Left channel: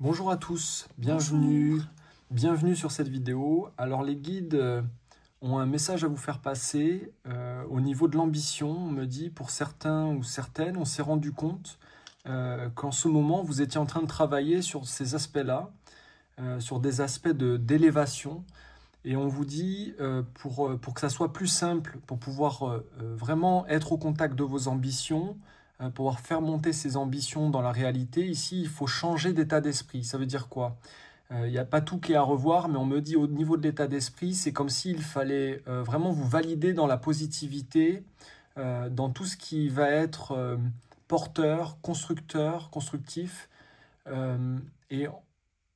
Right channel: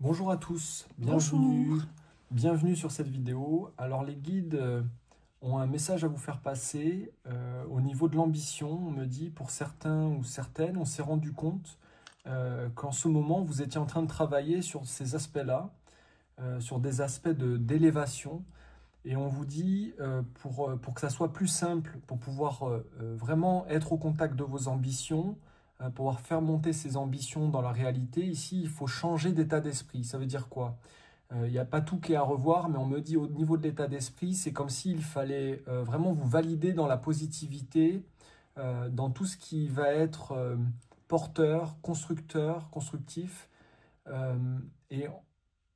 Bonjour à tous, Bonjour. bienvenue sur cette vidéo. Alors les guides ont un message à vous faire passer au niveau de l'ambition. On me dit pour certains ou certaines, on s'est rendu compte qu'en ce moment vous étiez en train de travailler sur ces aspects-là, sur des aspects d'élévation. Et on vous dit pour que ça soit plus simple, pour pouvoir vraiment être au contact de vos ambitions, pouvoir faire monter ces ambitions dans la réalité, ici, il faut changer d'état d'esprit. Ça veut dire quoi? Il n'y a pas tout qui est à revoir, mais on me dit au niveau de l'état d'esprit, c'est comme s'il fallait vraiment vous valider dans la positivité, dans tout ce qui va être porteur, constructeur, constructif. Et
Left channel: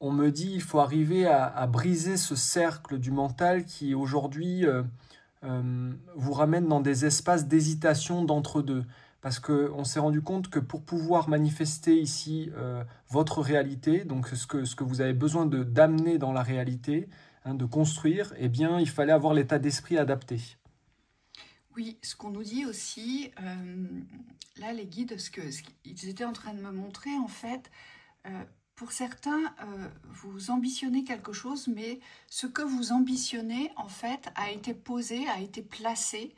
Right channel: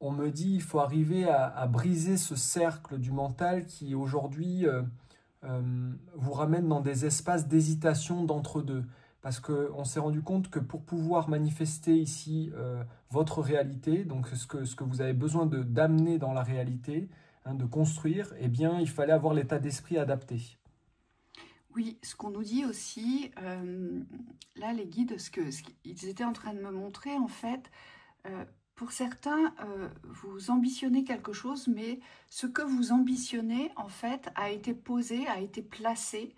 on me dit il faut arriver à briser ce cercle du mental qui aujourd'hui vous ramène dans des espaces d'hésitation d'entre-deux. Parce qu'on s'est rendu compte que pour pouvoir manifester ici votre réalité, donc ce que vous avez besoin d'amener dans la réalité, hein, de construire, eh bien, il fallait avoir l'état d'esprit adapté. Oui, ce qu'on nous dit aussi, là les guides, ils étaient en train de me montrer en fait, pour certains, vous ambitionnez quelque chose, mais ce que vous ambitionnez en fait a été posé, a été placé,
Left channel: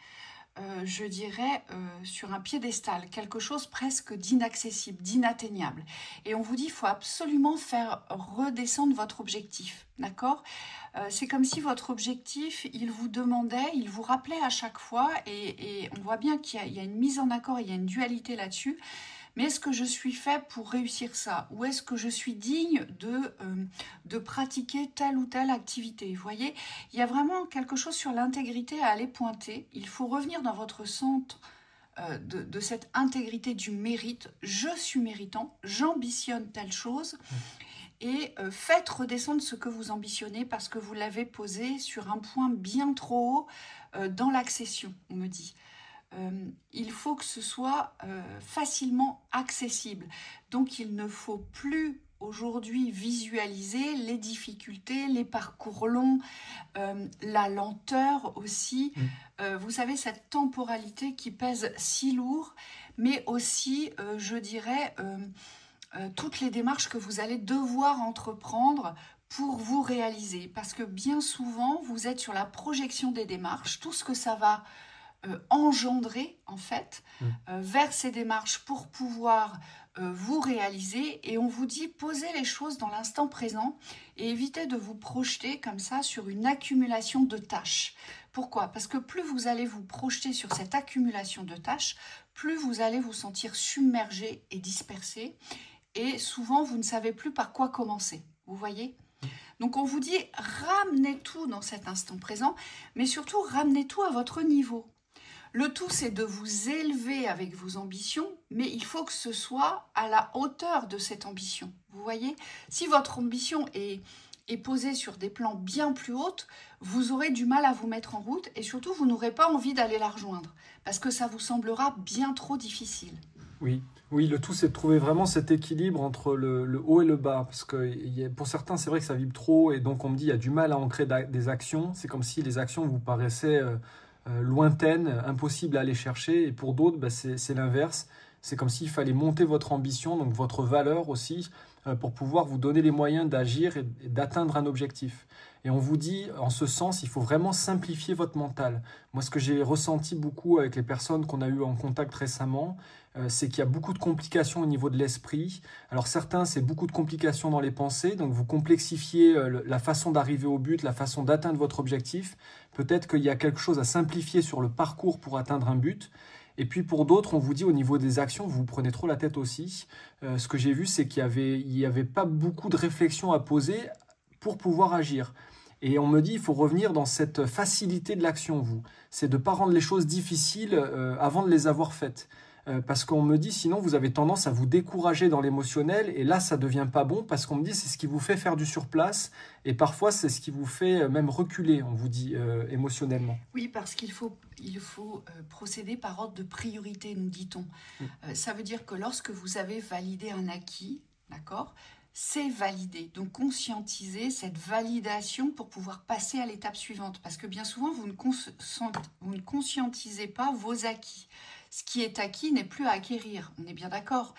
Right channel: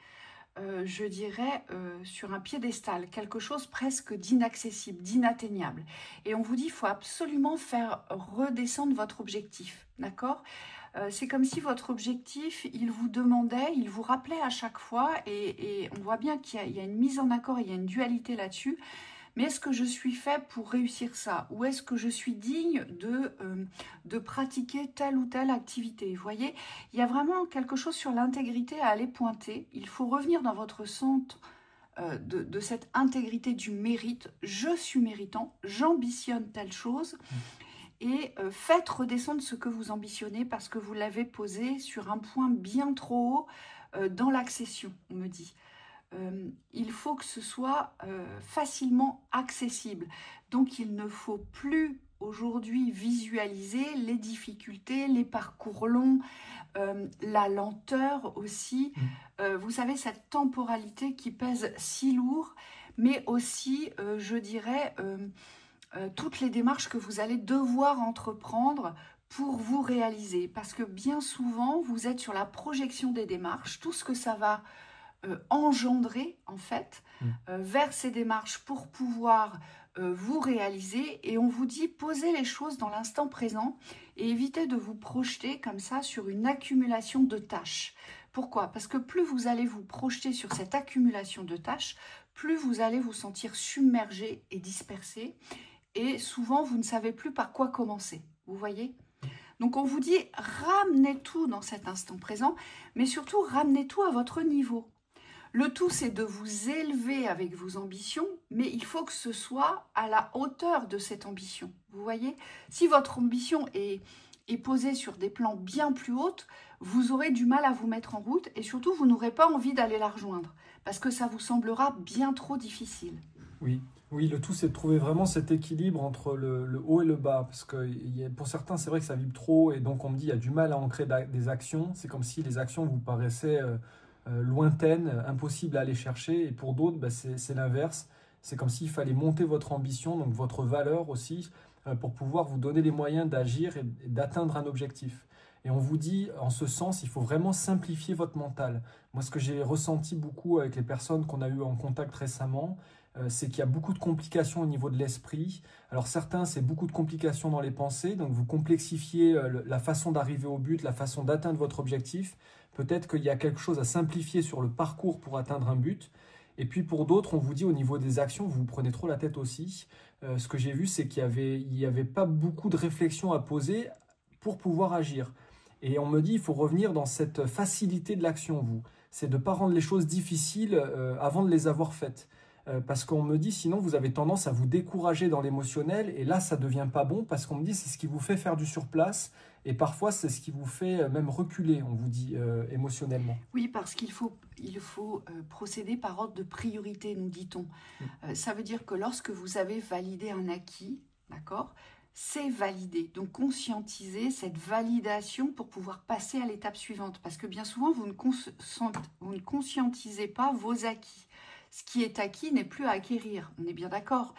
je dirais, sur un piédestal, quelque chose presque d'inaccessible, d'inatteignable. Et on vous dit, il faut absolument faire redescendre votre objectif, d'accord? C'est comme si votre objectif, il vous demandait, il vous rappelait à chaque fois, et on voit bien qu'il y a une mise en accord, il y a une dualité là-dessus. Mais est-ce que je suis fait pour réussir ça? Ou est-ce que je suis digne de pratiquer telle ou telle activité? Vous voyez, il y a vraiment quelque chose sur l'intégrité à aller pointer. Il faut revenir dans votre centre de cette intégrité du mérite. Je suis méritant, j'ambitionne telle chose. Et faites redescendre ce que vous ambitionnez parce que vous l'avez posé sur un point bien trop haut dans l'accession, on me dit. Il faut que ce soit facilement accessible. Donc il ne faut plus aujourd'hui visualiser les difficultés, les parcours longs, la lenteur aussi. Vous savez, cette temporalité qui pèse si lourd, mais aussi, je dirais, toutes les démarches que vous allez devoir entreprendre pour vous réaliser. Parce que bien souvent, vous êtes sur la projection des démarches, tout ce que ça va engendrer en fait vers ces démarches pour pouvoir vous réaliser, et on vous dit posez les choses dans l'instant présent et évitez de vous projeter comme ça sur une accumulation de tâches. Pourquoi? Parce que plus vous allez vous projeter sur cette accumulation de tâches, plus vous allez vous sentir submergé et dispersé, et souvent vous ne savez plus par quoi commencer. Vous voyez? Donc on vous dit ramenez tout dans cet instant présent, mais surtout ramenez tout à votre niveau. Le tout, c'est de vous élever avec vos ambitions, mais il faut que ce soit à la hauteur de cette ambition. Vous voyez, si votre ambition est posée sur des plans bien plus hauts, vous aurez du mal à vous mettre en route, et surtout, vous n'aurez pas envie d'aller la rejoindre, parce que ça vous semblera bien trop difficile. Oui, oui, le tout c'est de trouver vraiment cet équilibre entre le haut et le bas, parce que pour certains c'est vrai que ça vibre trop, et donc on me dit il y a du mal à ancrer des actions, c'est comme si les actions vous paraissaient lointaines, impossibles à aller chercher, et pour d'autres bah, c'est l'inverse, c'est comme s'il fallait monter votre ambition, donc votre valeur aussi, pour pouvoir vous donner les moyens d'agir et d'atteindre un objectif. Et on vous dit, en ce sens, il faut vraiment simplifier votre mental. Moi, ce que j'ai ressenti beaucoup avec les personnes qu'on a eues en contact récemment, c'est qu'il y a beaucoup de complications au niveau de l'esprit. Alors certains, c'est beaucoup de complications dans les pensées, donc vous complexifiez la façon d'arriver au but, la façon d'atteindre votre objectif. Peut-être qu'il y a quelque chose à simplifier sur le parcours pour atteindre un but. Et puis pour d'autres, on vous dit au niveau des actions, vous vous prenez trop la tête aussi. Ce que j'ai vu, c'est qu'il y avait pas beaucoup de réflexions à poser pour pouvoir agir. Et on me dit, il faut revenir dans cette facilité de l'action, vous. C'est de ne pas rendre les choses difficiles avant de les avoir faites. Parce qu'on me dit, sinon, vous avez tendance à vous décourager dans l'émotionnel, et là, ça ne devient pas bon, parce qu'on me dit, c'est ce qui vous fait faire du surplace, et parfois, c'est ce qui vous fait même reculer, on vous dit, émotionnellement. Oui, parce qu'il faut procéder par ordre de priorité, nous dit-on. Ça veut dire que lorsque vous avez validé un acquis, d'accord, c'est validé. Donc, conscientisez cette validation pour pouvoir passer à l'étape suivante. Parce que bien souvent, vous ne conscientisez pas vos acquis. Ce qui est acquis n'est plus à acquérir, on est bien d'accord.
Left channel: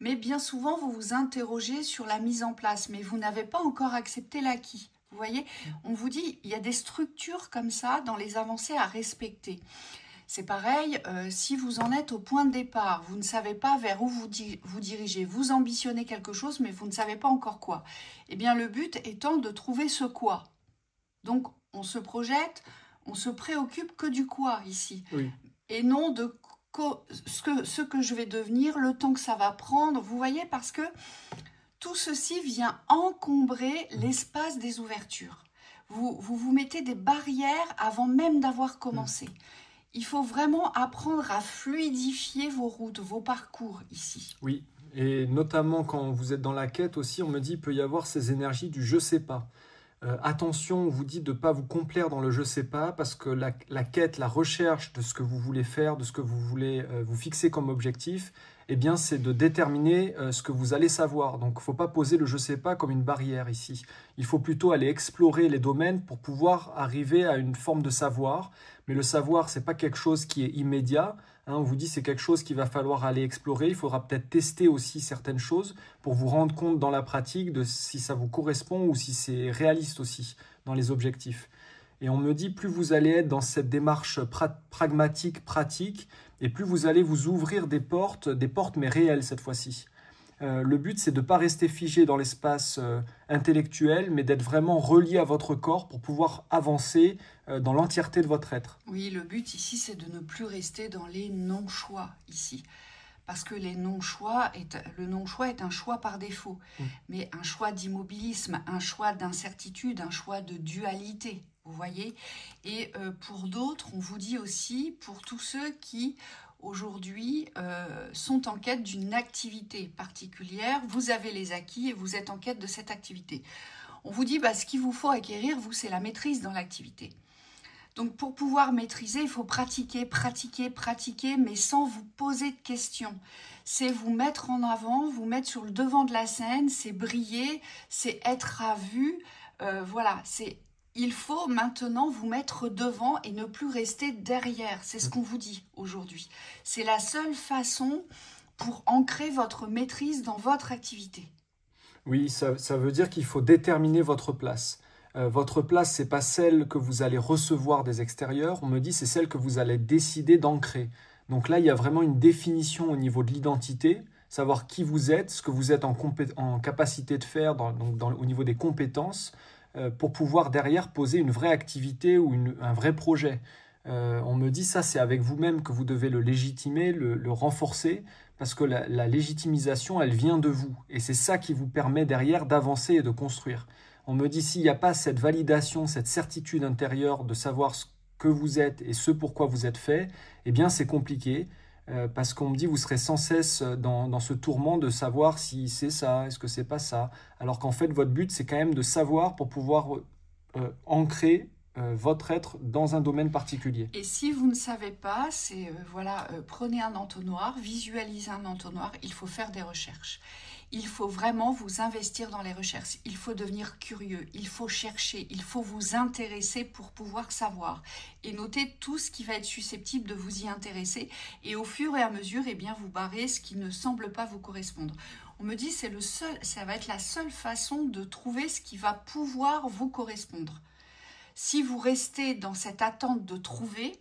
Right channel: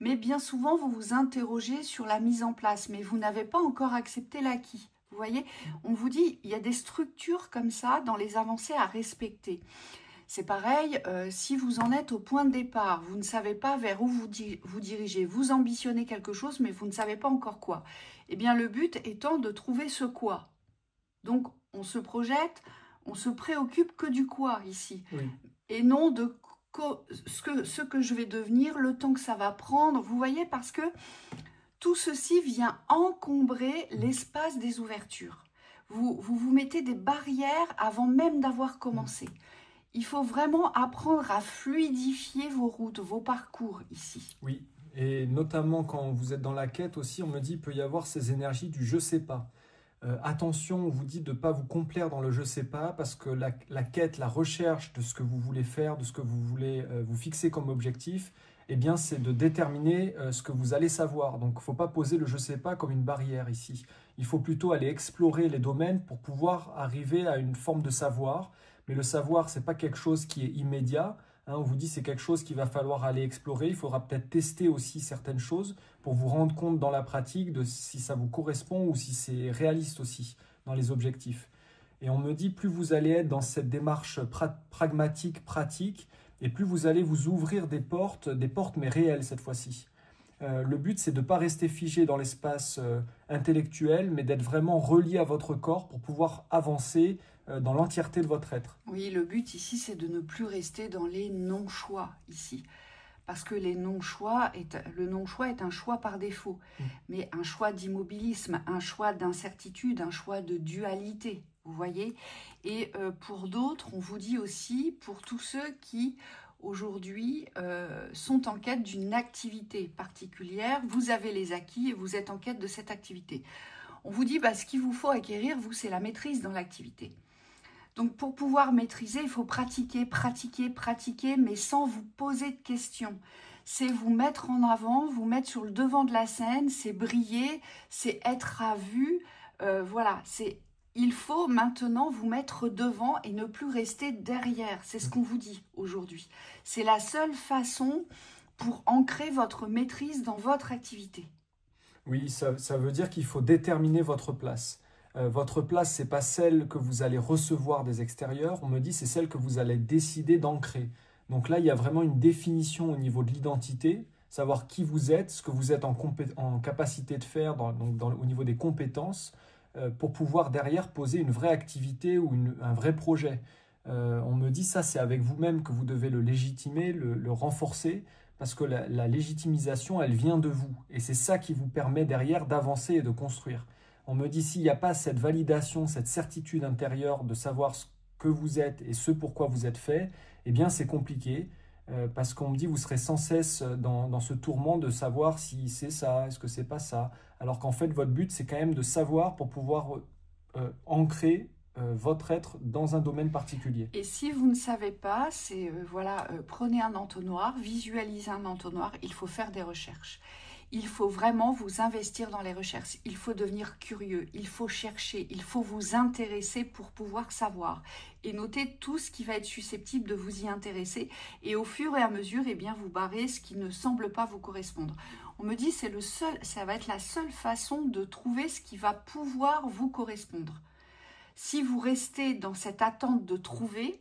Mais bien souvent, vous vous interrogez sur la mise en place, mais vous n'avez pas encore accepté l'acquis. Vous voyez, on vous dit, il y a des structures comme ça dans les avancées à respecter. C'est pareil, si vous en êtes au point de départ, vous ne savez pas vers où vous dirigez, vous ambitionnez quelque chose, mais vous ne savez pas encore quoi. Eh bien, le but étant de trouver ce quoi. Donc, on se projette, on se préoccupe que du quoi ici, Oui. et non de ce que je vais devenir, le temps que ça va prendre. Vous voyez, parce que tout ceci vient encombrer l'espace des ouvertures. Vous mettez des barrières avant même d'avoir commencé. Il faut vraiment apprendre à fluidifier vos routes, vos parcours ici. Oui, et notamment quand vous êtes dans la quête aussi, on me dit qu'il peut y avoir ces énergies du je sais pas. Attention, on vous dit de ne pas vous complaire dans le je sais pas, parce que la quête, la recherche de ce que vous voulez faire, de ce que vous voulez vous fixer comme objectif, eh bien, c'est de déterminer ce que vous allez savoir. Donc, il ne faut pas poser le je sais pas comme une barrière ici. Il faut plutôt aller explorer les domaines pour pouvoir arriver à une forme de savoir. Mais le savoir, ce n'est pas quelque chose qui est immédiat. On vous dit c'est quelque chose qu'il va falloir aller explorer. Il faudra peut-être tester aussi certaines choses pour vous rendre compte dans la pratique de si ça vous correspond ou si c'est réaliste aussi dans les objectifs. Et on me dit plus vous allez être dans cette démarche pragmatique, pratique, et plus vous allez vous ouvrir des portes mais réelles cette fois-ci. Le but, c'est de ne pas rester figé dans l'espace intellectuel, mais d'être vraiment relié à votre corps pour pouvoir avancer dans l'entièreté de votre être. Oui, le but ici, c'est de ne plus rester dans les non-choix ici. Parce que le non-choix est un choix par défaut, mais un choix d'immobilisme, un choix d'incertitude, un choix de dualité, vous voyez. Et pour d'autres, on vous dit aussi, pour tous ceux qui aujourd'hui sont en quête d'une activité particulière, vous avez les acquis et vous êtes en quête de cette activité. On vous dit, ce qu'il vous faut acquérir, vous, c'est la maîtrise dans l'activité. Donc, pour pouvoir maîtriser, il faut pratiquer, pratiquer, pratiquer, mais sans vous poser de questions. C'est vous mettre en avant, vous mettre sur le devant de la scène, c'est briller, c'est être à vue. Voilà, il faut maintenant vous mettre devant et ne plus rester derrière. C'est ce qu'on vous dit aujourd'hui. C'est la seule façon pour ancrer votre maîtrise dans votre activité. Oui, ça veut dire qu'il faut déterminer votre place. Votre place, ce n'est pas celle que vous allez recevoir des extérieurs. On me dit c'est celle que vous allez décider d'ancrer. Donc là, il y a vraiment une définition au niveau de l'identité, savoir qui vous êtes, ce que vous êtes en capacité de faire au niveau des compétences, pour pouvoir derrière poser une vraie activité ou un vrai projet. On me dit ça, c'est avec vous-même que vous devez le légitimer, le renforcer, parce que la légitimisation, elle vient de vous. Et c'est ça qui vous permet derrière d'avancer et de construire. On me dit s'il n'y a pas cette validation, cette certitude intérieure de savoir ce que vous êtes et ce pourquoi vous êtes fait, eh bien c'est compliqué parce qu'on me dit vous serez sans cesse dans ce tourment de savoir si c'est ça, est-ce que c'est pas ça. Alors qu'en fait votre but c'est quand même de savoir pour pouvoir ancrer votre être dans un domaine particulier. Et si vous ne savez pas, c'est prenez un entonnoir, visualisez un entonnoir, il faut faire des recherches. Il faut vraiment vous investir dans les recherches. Il faut devenir curieux, il faut chercher, il faut vous intéresser pour pouvoir savoir. Et noter tout ce qui va être susceptible de vous y intéresser. Et au fur et à mesure, vous barrez ce qui ne semble pas vous correspondre. On me dit que ça va être la seule façon de trouver ce qui va pouvoir vous correspondre. Si vous restez dans cette attente de trouver,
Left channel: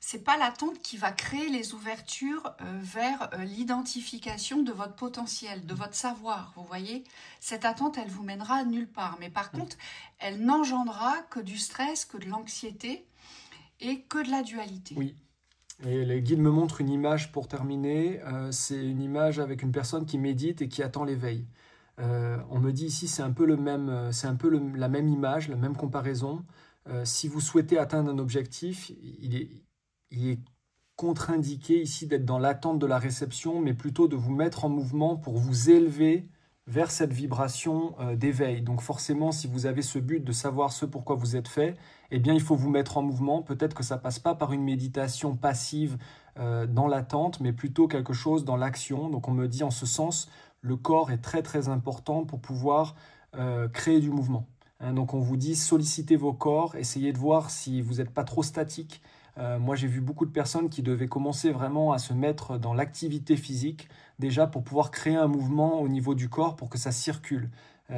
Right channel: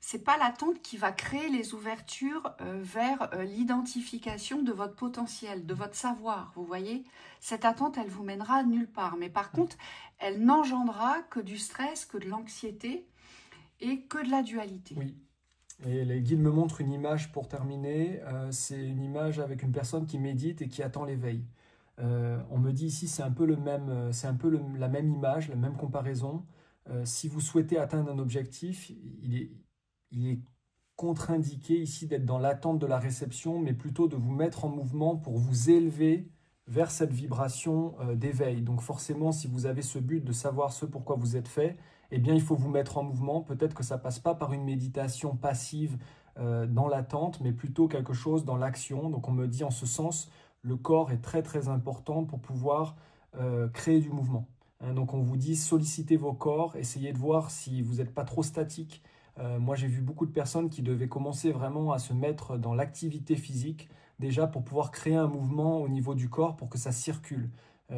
c'est pas l'attente qui va créer les ouvertures vers l'identification de votre potentiel, de votre savoir, vous voyez. Cette attente, elle vous mènera nulle part. Mais par contre, elle n'engendrera que du stress, que de l'anxiété et que de la dualité. Oui. Et les guides me montrent une image pour terminer. C'est une image avec une personne qui médite et qui attend l'éveil. On me dit ici, c'est un peu la même image, la même comparaison. Si vous souhaitez atteindre un objectif, il est contre-indiqué ici d'être dans l'attente de la réception, mais plutôt de vous mettre en mouvement pour vous élever vers cette vibration d'éveil. Donc forcément, si vous avez ce but de savoir ce pourquoi vous êtes fait, eh bien il faut vous mettre en mouvement. Peut-être que ça ne passe pas par une méditation passive dans l'attente, mais plutôt quelque chose dans l'action. Donc on me dit en ce sens, le corps est très très important pour pouvoir créer du mouvement. Donc on vous dit sollicitez vos corps, essayez de voir si vous n'êtes pas trop statique. Moi j'ai vu beaucoup de personnes qui devaient commencer vraiment à se mettre dans l'activité physique, déjà pour pouvoir créer un mouvement au niveau du corps pour que ça circule.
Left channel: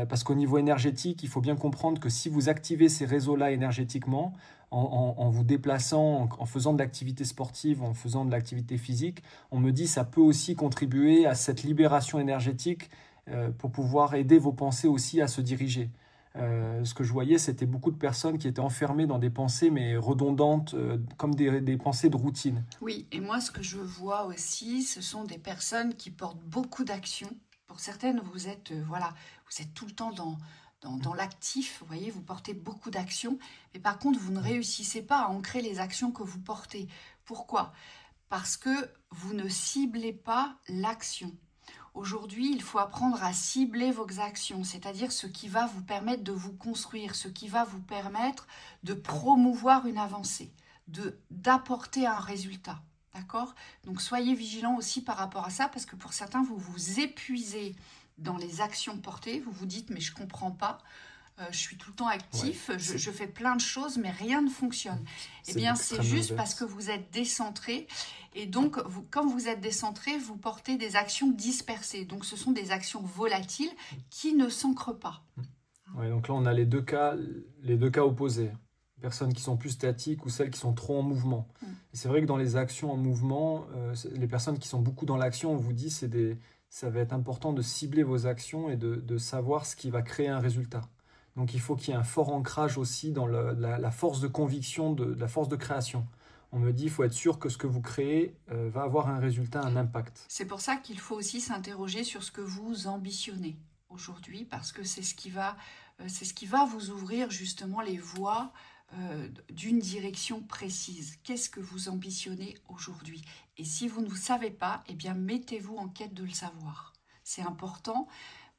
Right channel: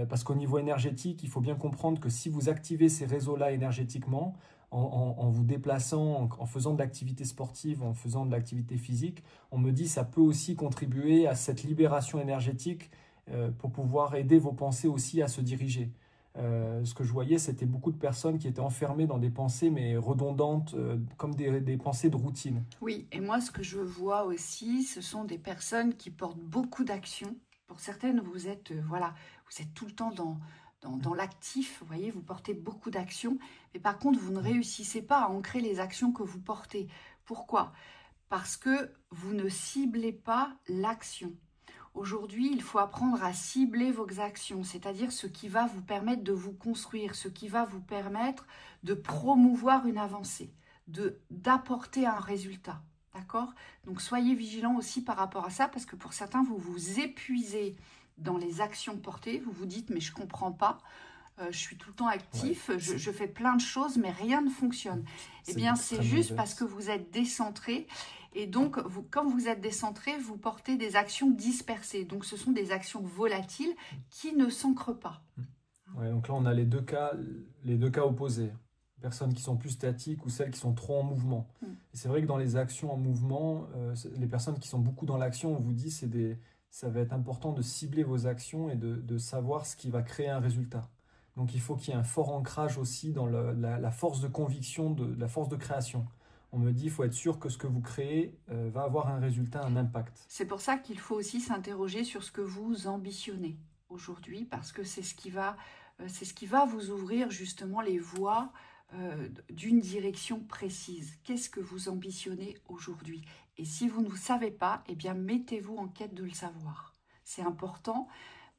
Parce qu'au niveau énergétique, il faut bien comprendre que si vous activez ces réseaux-là énergétiquement, en vous déplaçant, en faisant de l'activité sportive, en faisant de l'activité physique, on me dit que ça peut aussi contribuer à cette libération énergétique pour pouvoir aider vos pensées aussi à se diriger. Ce que je voyais, c'était beaucoup de personnes qui étaient enfermées dans des pensées mais redondantes, comme des pensées de routine. Oui, et moi, ce que je vois aussi, ce sont des personnes qui portent beaucoup d'actions. Pour certaines, vous êtes, voilà, vous êtes tout le temps dans l'actif, vous voyez, vous portez beaucoup d'actions, mais par contre, vous ne réussissez pas à ancrer les actions que vous portez. Pourquoi? Parce que vous ne ciblez pas l'action. Aujourd'hui, il faut apprendre à cibler vos actions, c'est-à-dire ce qui va vous permettre de vous construire, ce qui va vous permettre de promouvoir une avancée, d'apporter un résultat. D'accord? Donc, soyez vigilants aussi par rapport à ça, parce que pour certains, vous vous épuisez dans les actions portées. Vous vous dites, mais je ne comprends pas. Je suis tout le temps actif, Ouais, je fais plein de choses, mais rien ne fonctionne. Eh bien, c'est juste parce que vous êtes décentré. Et donc, comme vous êtes décentré, vous portez des actions dispersées. Donc, ce sont des actions volatiles qui ne s'ancrent pas. Ouais, donc là, on a les deux cas opposés. Personnes qui sont plus statiques ou celles qui sont trop en mouvement. C'est vrai que dans les actions en mouvement, les personnes qui sont beaucoup dans l'action, on vous dit, ça va être important de cibler vos actions et de savoir ce qui va créer un résultat. Donc il faut qu'il y ait un fort ancrage aussi dans la force de conviction, la force de création. On me dit, il faut être sûr que ce que vous créez va avoir un résultat, un impact. C'est pour ça qu'il faut aussi s'interroger sur ce que vous ambitionnez aujourd'hui, parce que c'est ce qui va vous ouvrir justement les voies d'une direction précise. Qu'est-ce que vous ambitionnez aujourd'hui? Et si vous ne savez pas, eh bien mettez-vous en quête de le savoir. C'est important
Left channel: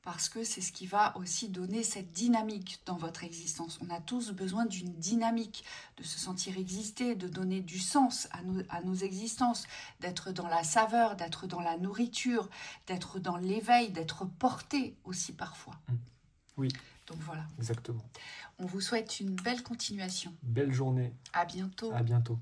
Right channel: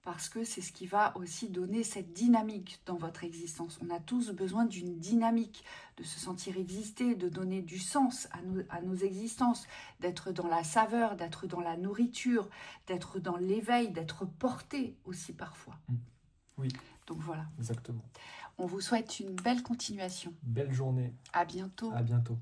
parce que c'est ce qui va aussi donner cette dynamique dans votre existence. On a tous besoin d'une dynamique, de se sentir exister, de donner du sens à nos existences, d'être dans la saveur, d'être dans la nourriture, d'être dans l'éveil, d'être porté aussi parfois. Oui. Donc voilà. Exactement. On vous souhaite une belle continuation. Belle journée. À bientôt. À bientôt.